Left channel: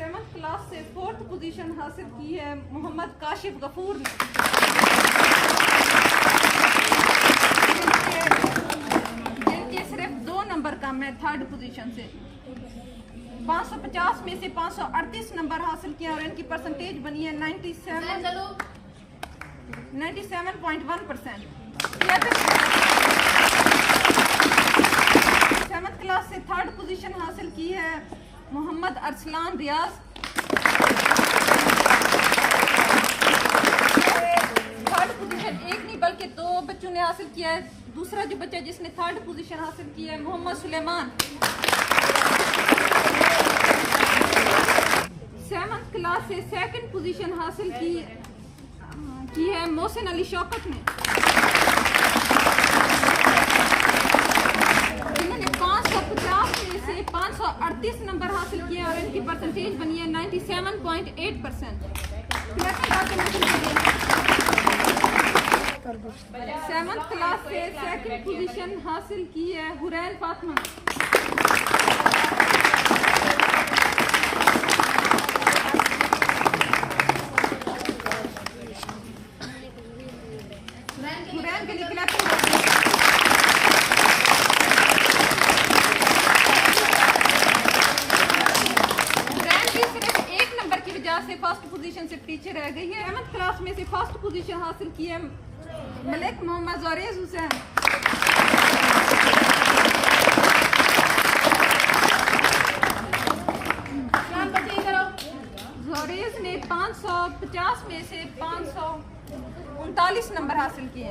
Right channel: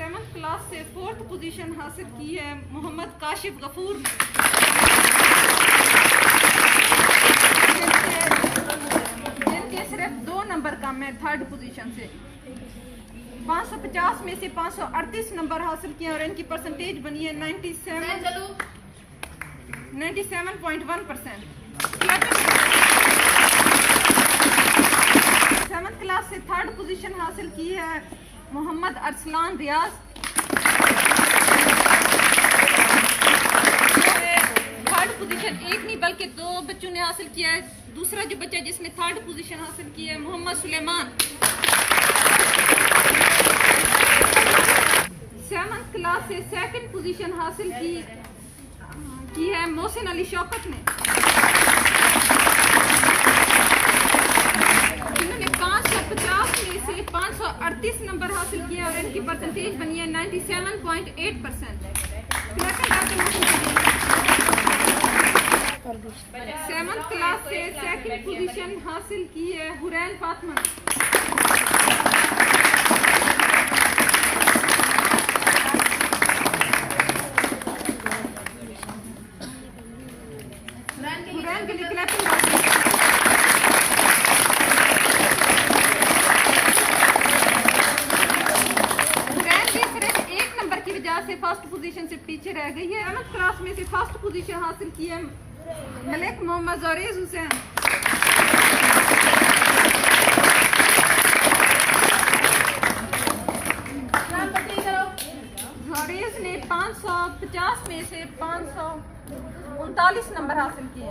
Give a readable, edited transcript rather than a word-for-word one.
7th class से 4th position हासिल की है मोहम्मद काशिफ गफूर ने, जिनके सिर्फ 2 नंबर कम है 3rd पोजीशन से। 550 में से 538 नंबर हासिल किए और इनकी परसेंटेज बनी है 97.1%। 7th क्लास से 3rd पोजीशन हासिल की है मोहम्मद अरसलान रियाज, 3rd पोजीशन एक नहीं बल्कि 2 बच्चों ने हासिल किया है। दूसरा जो बच्चा जिसने 3rd पोजीशन हासिल की है मोहम्मद सुलेमान। 7th क्लास से 2nd पोजीशन हासिल की है मोहसिन अली शौकत ने, इन्होंने 550 में से 538 नंबर हासिल किए और इनकी परसेंटेज बनी है 97.8%। 7th क्लास से 2nd पोजीशन हासिल की है हुरैन फातिमा। हुरैन के निकला से 1st पोजीशन से पीछे रह गई है। 7th क्लास में से 1st पोजीशन हासिल की है मलिक मोहम्मद ज़ोरेज़ हुसैन। ज़ोरेज़ ने 550 में से 539 नंबर हासिल किए।